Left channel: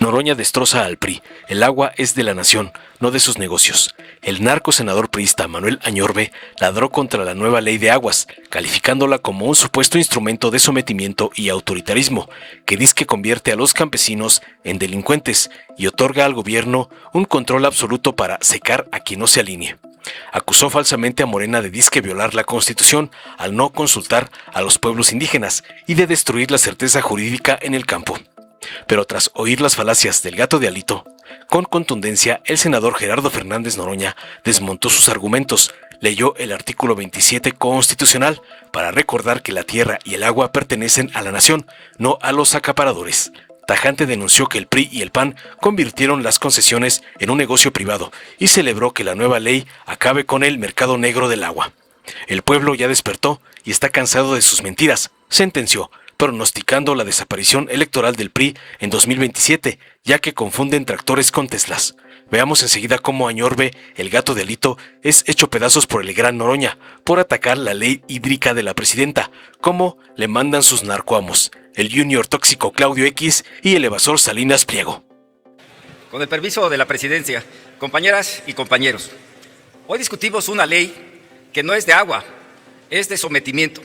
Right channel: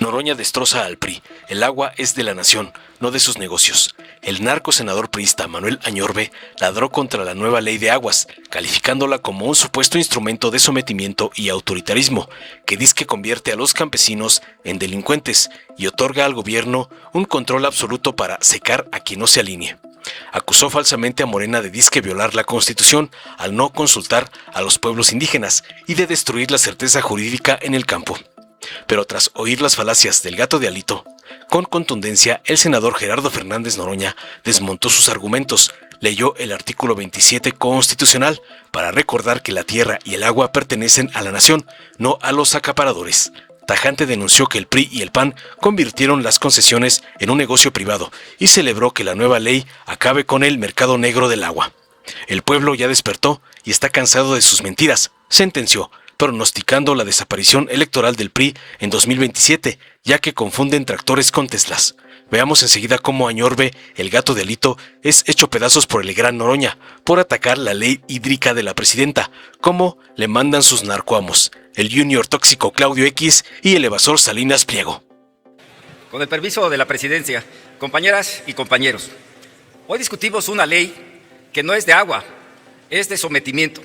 Noroña destroza al PRI. El agua es de la nación, no de sus negocios. El narco senador priista Manuel Añorbe ladró contra la nueva ley de aguas, calificándola como un supuesto instrumento de sometimiento y autoritarismo, que dizque convierte a los campesinos en delincuentes y otorga al gobierno un control absoluto para secar a quien no se alinee. Acusó falsamente a Morena de disque violar la Constitución al no consultar a los pueblos indígenas y de destruir la certeza jurídica en el campo. Pero tras oír las falacias del gato de Alito, con contundencia el senador Gerardo Fernández Noroña desmontó sus argumentos, leyó el artículo 27 constitucional para recordar que la tierra y el agua pertenecen a la nación, no a los acaparadores. Tajante denunció que el PRI y el PAN convirtieron las concesiones en un negocio privado y celebró que la nueva ley acabe con el mercado negro del agua. El pueblo ya despertó y está cansado de sus mentiras, sentenció, pronosticando la desaparición electoral del PRI en 2027, ya que confunden tractores con Teslas. Veamos enseguida cómo Añorbe, el gato de Alito, es hecho pedazos por el gran Noroña, por atacar la ley hídrica de la presidenta, cómo le mandan sus narcoamos, el junior tóxico Claudio X y el evasor Salinas Pliego. Con el permiso de la presidencia, compañeras y compañeros, hoy discutimos una ley que no es de agua, es de sometimiento.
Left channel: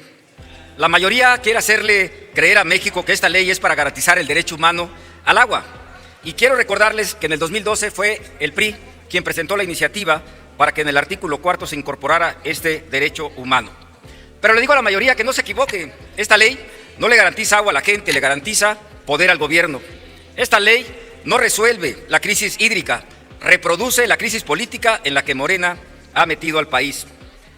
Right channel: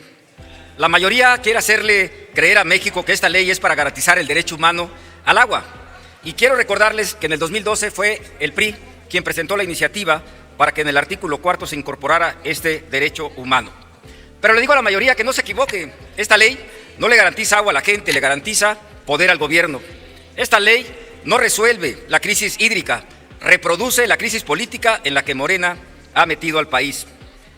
La mayoría quiere hacerle creer a México que esta ley es para garantizar el derecho humano al agua. Y quiero recordarles que en el 2012 fue el PRI quien presentó la iniciativa para que en el artículo 4 se incorporara este derecho humano. Pero le digo a la mayoría que no se equivoque, esta ley no le garantiza agua a la gente, le garantiza poder al gobierno. Esta ley no resuelve la crisis hídrica, reproduce la crisis política en la que Morena ha metido al país.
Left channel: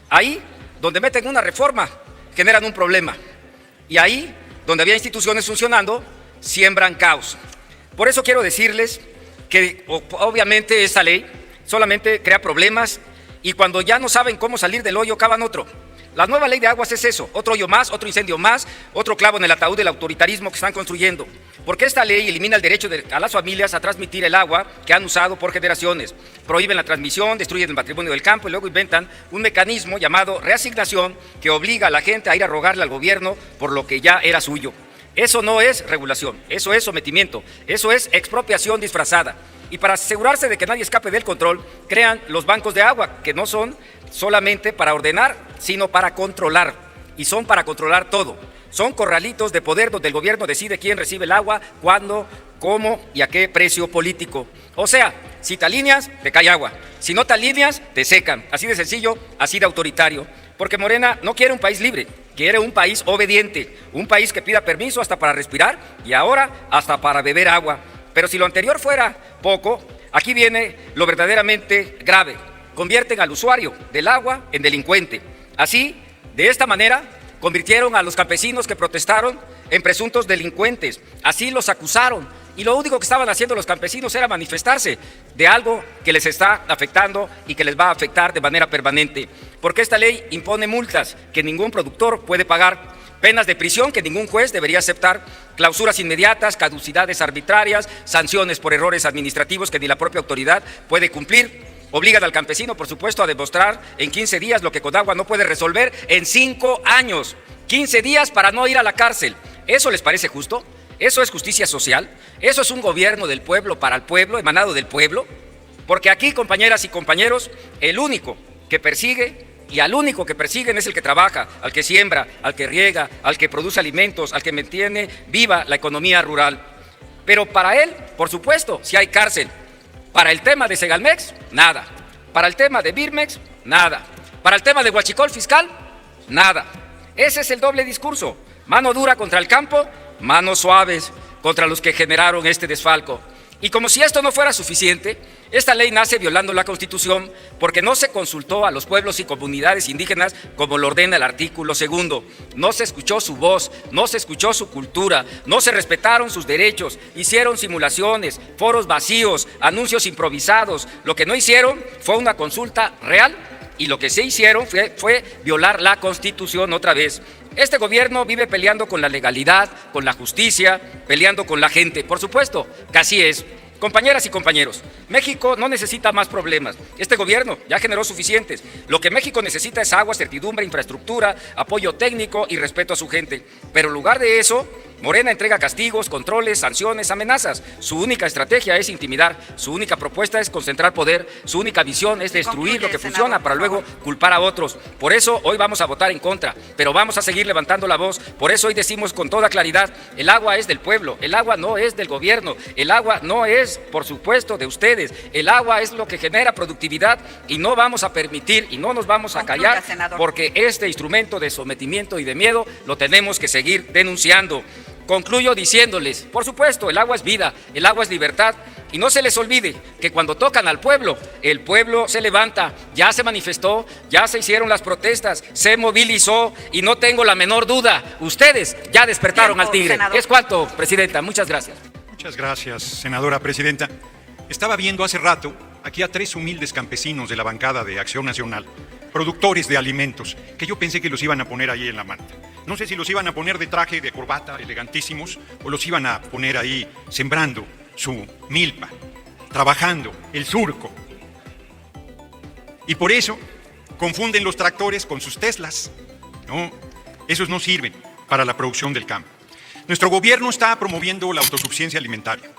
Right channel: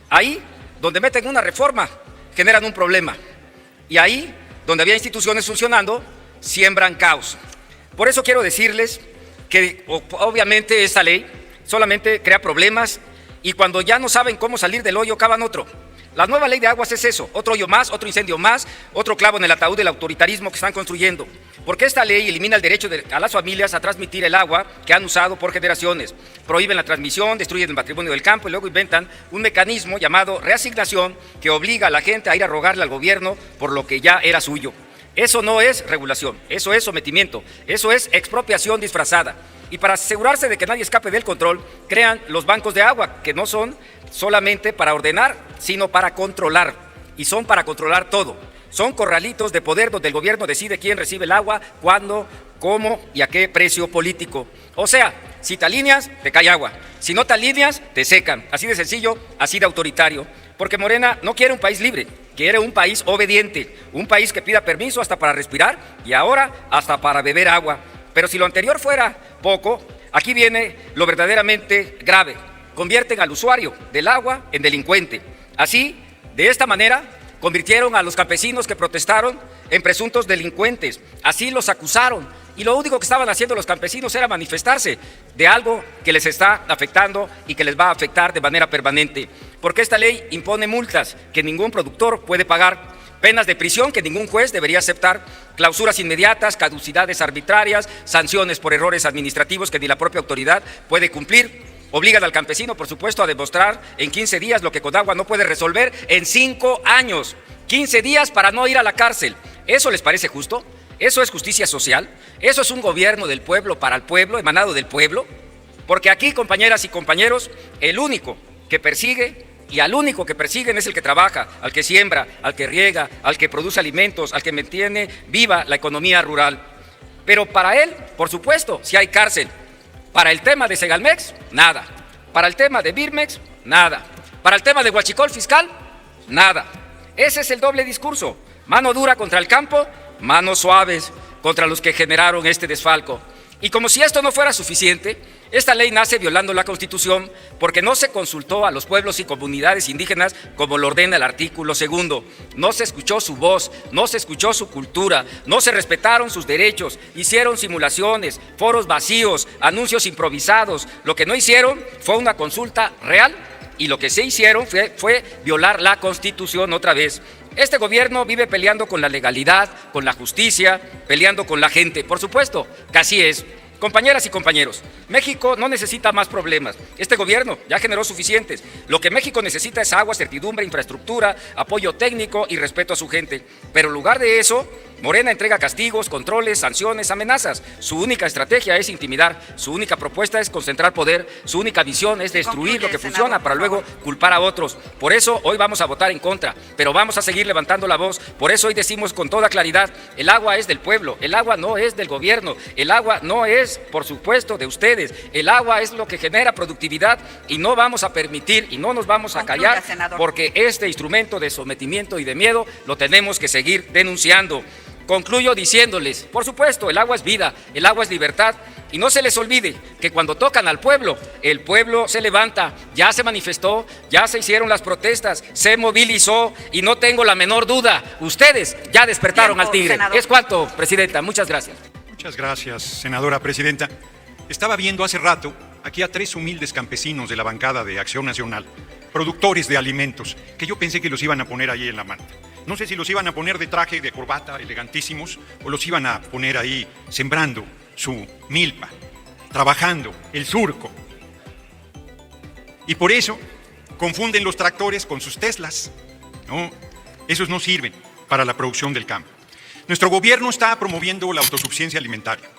Ahí donde meten una reforma, generan un problema. Y ahí, donde había instituciones funcionando, siembran caos. Por eso quiero decirles que obviamente esta ley solamente crea problemas y cuando ya no saben cómo salir del hoyo, cavan otro. La nueva ley de aguas es eso, otro hoyo más, otro incendio más, otro clavo en el ataúd del autoritarismo que están construyendo. Porque esta ley elimina el derecho a las familias a transmitir el agua que han usado por generaciones. Prohíben la transmisión, destruyen el patrimonio del campo y luego inventan un mecanismo llamado reasignación que obliga a la gente a ir a rogarle al gobierno por lo que ya era suyo. Eso no es regulación, eso es sometimiento, eso es expropiación disfrazada. Y para asegurarse de que nadie escape del control, crean los bancos de agua, que no son solamente para ordenar, sino para controlar. Y son para controlar todo. Son corralitos de poder donde el gobierno decide quién recibe el agua, cuándo, cómo y a qué precio político. O sea, si te alineas, te cae agua. Si no te alineas, te secan. Así de sencillo, así de autoritario. Porque Morena no quiere un país libre, quiere un país obediente. Un país que pida permiso hasta para respirar y ahora hasta para beber agua. Pero si lo anterior fuera poco, aquí viene lo verdaderamente grave. Convierten al usuario del agua en delincuente. Así, de esta manera, convirtieron a los campesinos que protestaron en presuntos delincuentes. Así los acusaron. Y lo único que estaban haciendo los campesinos era manifestarse de algo que les está afectando y que les va a afectar de manera permanente. Porque esta ley impone multas que ningún productor puede pagar, penas de prisión que ningún juez debería aceptar, clausuras inmediatas, caducidades arbitrarias, sanciones por errores administrativos que ni la propia autoridad puede cumplir. Obligan al campesino, por supuesto, a demostrar en 15 días lo que Conagua no puede resolver en 5 años. 15 días para no ir a la cárcel. ¿Eso les parece justo? ¿Eso es justicia social? ¿Eso es un gobierno del pueblo para el pueblo, emanado del pueblo? Porque aquí, compañeras y compañeros, el único que persigue y al único que persiguen es el que trabaja, al que siembra, al que riega, al que produce alimentos, al que mantiene viva la economía rural. Pero para él, por supuesto, si hay cárcel. Para el tema de Segalmex, nada. Para el tema de Birmex, nada. Para el tema de huachicol fiscal, nada. Ese es el doble discurso. Mano dura contra el campo, manos suaves contra los que generaron este desfalco. Y como si esto no fuera suficiente, esta ley nace violando la Constitución porque no se consultó a los pueblos y comunidades indígenas como lo ordena el artículo 2. No se escuchó su voz, no se escuchó su cultura, no se respetaron sus derechos, hicieron simulaciones, foros vacíos, anuncios improvisados. Lo que no hicieron fue una consulta real y lo que sí hicieron fue violar la Constitución otra vez. Este gobierno vive peleando con la legalidad, con la justicia, peleando con la gente. Por supuesto que así es. Compañeras y compañeros, México no necesita más problemas. Este gobierno ya generó suficientes. Lo que México necesita es agua, certidumbre, infraestructura, apoyo técnico y respeto a su gente. Pero en lugar de eso, Morena entrega castigos, controles, sanciones, amenazas. Su única estrategia es intimidar, su única propuesta es concentrar poder, su única visión es destruir lo que funciona para luego culpar a otros. Por eso hoy vamos a votar en contra, pero vamos a seguir levantando la voz. Por eso hoy decimos con toda claridad, el agua es del pueblo, el agua no es del gobierno, el agua no es, por supuesto, de ustedes. El agua es lo que genera productividad y no vamos a permitir y no nos vamos a callar porque este instrumento de sometimiento y de miedo lo tenemos que seguir denunciando. Concluyo diciéndoles, por supuesto, el agua es vida, el agua es libertad, y no se les olvide que cuando tocan al pueblo, el pueblo se levanta, ya se manifestó, ya se hicieron las protestas, se movilizó, y no tengo la menor duda, ustedes ya despertaron al tigre. ¿Qué es cuánto, Presidenta? Muchas gracias. Muchas gracias, senadora presidenta. Estaba viendo hace rato aquí a 3 humildes campesinos de la bancada de Acción Nacional, productores de alimentos, que yo pensé que los iban a poner ahí en la manta. No sé si los iban a poner de traje, de corbata, elegantísimos, o los iban a poner ahí sembrando su milpa, trabajando el surco. Y por eso confunden los tractores con sus Teslas. No, esos no sirven para la producción del campo. Nuestro gobierno está promoviendo la autosuficiencia alimentaria.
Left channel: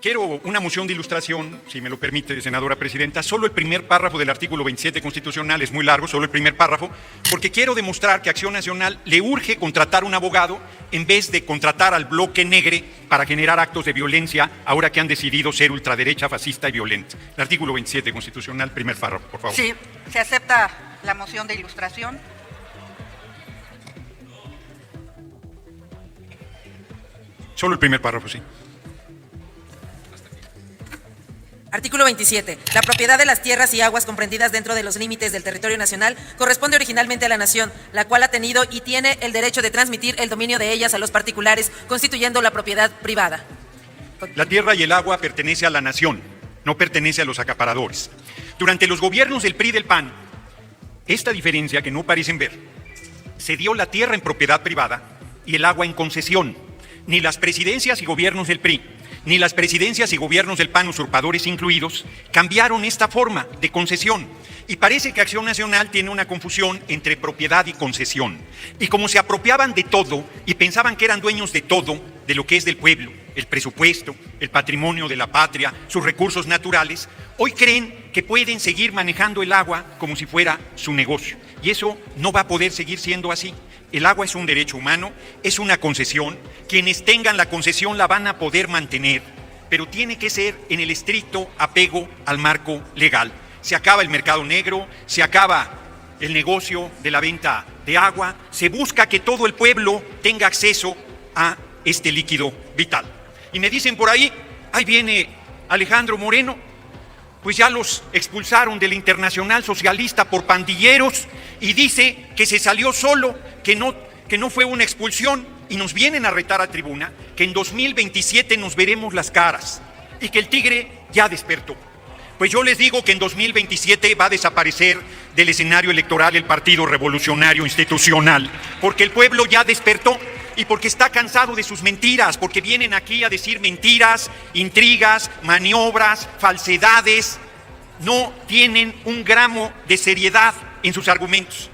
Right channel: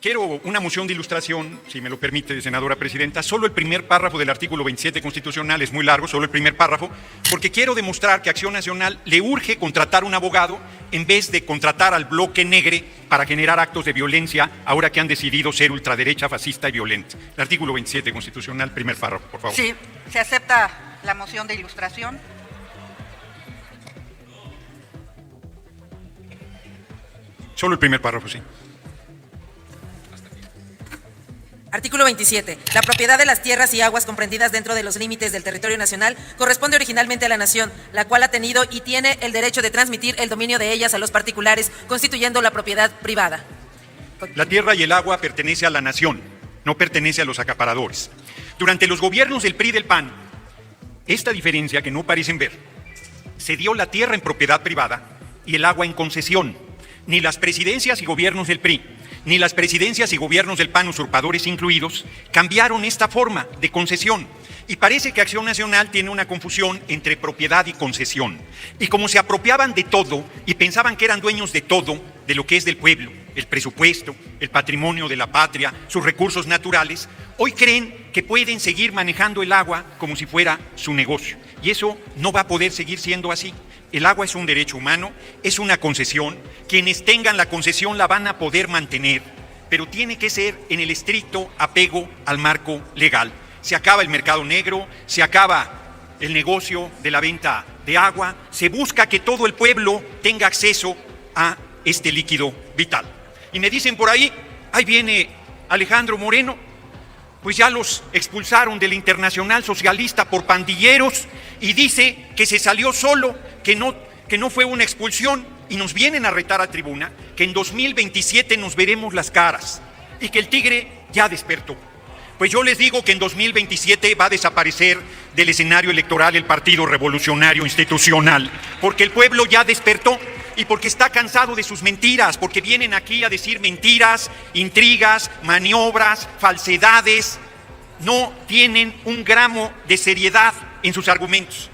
Quiero una moción de ilustración, si me lo permite, senadora presidenta. Solo el primer párrafo del artículo 27 constitucional es muy largo, solo el primer párrafo, porque quiero demostrar que Acción Nacional le urge contratar un abogado en vez de contratar al bloque negre para generar actos de violencia, ahora que han decidido ser ultraderecha, fascista y violenta. El artículo 27 constitucional, primer párrafo, por favor. Sí, se acepta la moción de ilustración. Solo el primer párrafo, sí. Artículo 27. La propiedad de las tierras y aguas comprendidas dentro de los límites del territorio nacional corresponde originalmente a la nación, la cual ha tenido y tiene el derecho de transmitir el dominio de ellas a los particulares, constituyendo la propiedad privada. La tierra y el agua pertenece a la nación, no pertenece a los acaparadores. Durante los gobiernos del PRI y del PAN, esta diferencia que no parecen ver, se dio la tierra en propiedad privada y el agua en concesión. Ni las presidencias y gobiernos del PRI, ni las presidencias y gobiernos del PAN, usurpadores incluidos, cambiaron esta forma de concesión. Y parece que Acción Nacional tiene una confusión entre propiedad y concesión. Y como se apropiaban de todo y pensaban que eran dueños de todo, de lo que es del pueblo, el presupuesto, el patrimonio de la patria, sus recursos naturales, hoy creen que pueden seguir manejando el agua como si fuera su negocio. Y eso no va a poder seguir siendo así. El agua es un derecho humano, es una concesión. Quienes tengan la concesión la van a poder mantener, pero tiene que ser en el estricto apego al marco legal. Se acaba el mercado negro, se acaba el negocio de la venta de agua, se busca que todo el pueblo tenga acceso a este líquido vital. Y me dicen por ahí viene Alejandro Moreno, pues ya los expulsaron de la Internacional Socialista por pandilleros y dice que se salió solo, que no fue una expulsión, y nos vienen a retar a tribuna que en 2027 nos veremos las caras y que el tigre ya despertó. Pues yo les digo que en 2027 va a desaparecer del escenario electoral el Partido Revolucionario Institucional, porque el pueblo ya despertó y porque está cansado de sus mentiras, porque vienen aquí a decir mentiras, intrigas, maniobras, falsedades. No tienen un gramo de seriedad en sus argumentos.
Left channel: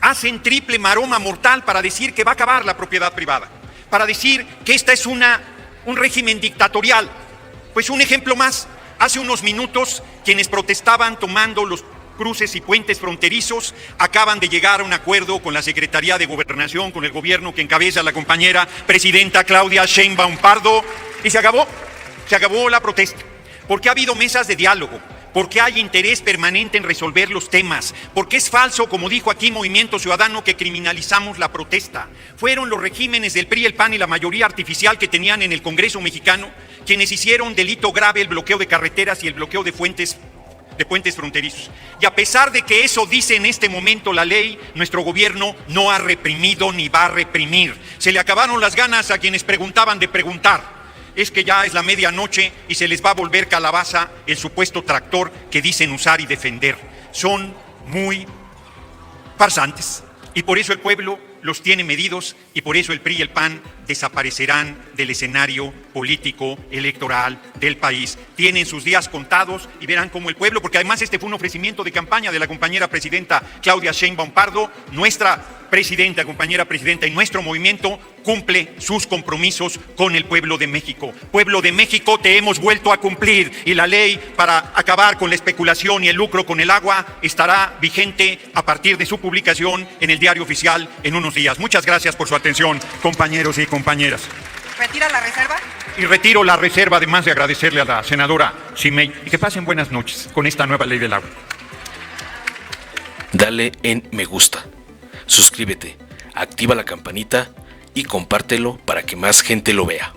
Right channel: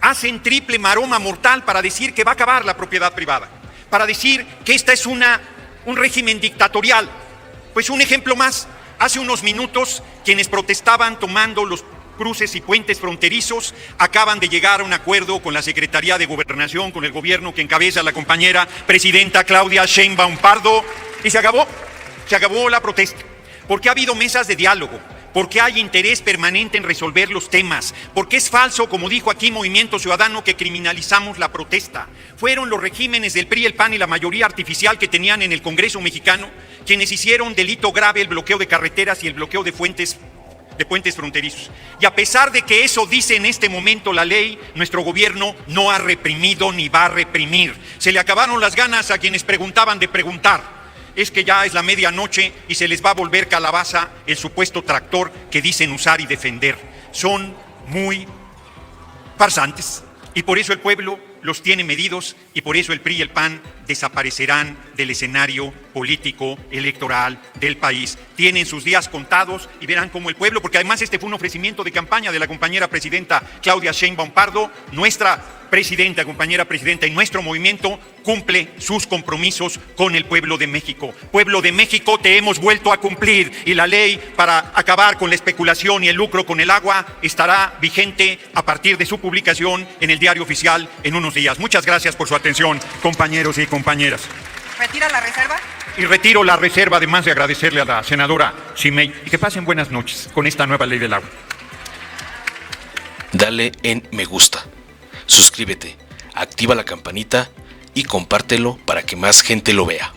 Hacen triple maroma mortal para decir que va a acabar la propiedad privada, para decir que esta es un régimen dictatorial. Pues un ejemplo más, hace unos minutos quienes protestaban tomando los cruces y puentes fronterizos acaban de llegar a un acuerdo con la Secretaría de Gobernación, con el gobierno que encabeza la compañera presidenta Claudia Sheinbaum Pardo, y se acabó la protesta, porque ha habido mesas de diálogo, porque hay interés permanente en resolver los temas, porque es falso, como dijo aquí Movimiento Ciudadano, que criminalizamos la protesta. Fueron los regímenes del PRI, el PAN y la mayoría artificial que tenían en el Congreso mexicano quienes hicieron delito grave el bloqueo de carreteras y el bloqueo de puentes fronterizos. Y a pesar de que eso dice en este momento la ley, nuestro gobierno no ha reprimido ni va a reprimir. Se le acabaron las ganas a quienes preguntaban de preguntar. Es que ya es la medianoche y se les va a volver calabaza el supuesto tractor que dicen usar y defender. Son muy farsantes y por eso el pueblo los tiene medidos y por eso el PRI y el PAN desaparecerán del escenario político electoral del país tienen sus días contados y verán cómo el pueblo, porque además este fue un ofrecimiento de campaña de la compañera presidenta Claudia Sheinbaum Pardo, nuestra presidenta, compañera presidenta en nuestro movimiento, cumple sus compromisos con el pueblo de México. Pueblo de México, te hemos vuelto a cumplir y la ley para acabar con la especulación y el lucro con el agua estará vigente a partir de su publicación en el Diario Oficial en unos días. Muchas gracias por su atención, compañeros y compañeras. ¿Retira la reserva? Y retiro la reserva, además de agradecerle a la senadora Simei, y que pasen buenas noches con esta nueva ley del agua. Dale en me gusta, suscríbete, activa la campanita y compártelo para que más gente lo vea.